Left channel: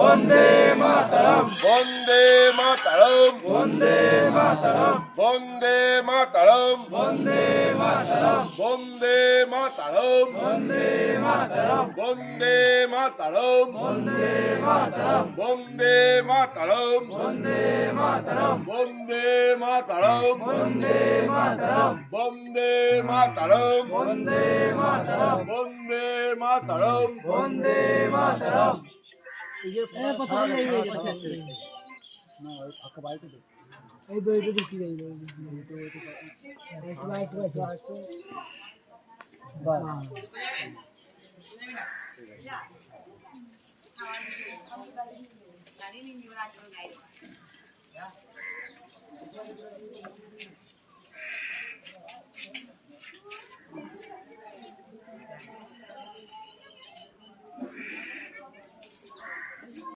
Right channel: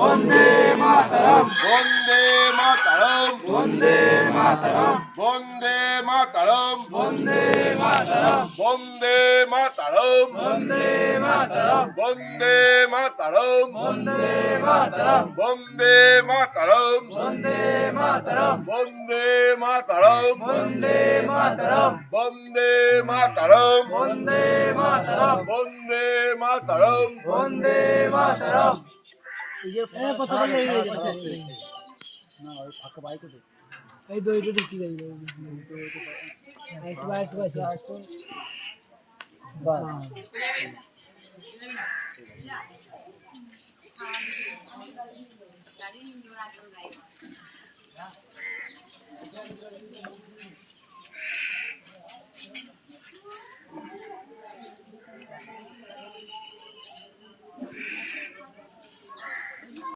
বন্দে মাতরম বন্দে মাতরম বন্দে মাতরম বন্দে মাতরম বন্দে মাতরম বন্দে মাতরম বন্দে মাতরম বন্দে মাতরম বন্দে মাতরম বন্দে মাতরম বন্দে মাতরম বন্দে মাতরম বন্দে মাতরম বন্দে মাতরম বন্দে মাতরম বন্দে মাতরম বন্দে মাতরম এই তো দেখি যাই একটু বাস গাড়ি নিয়ে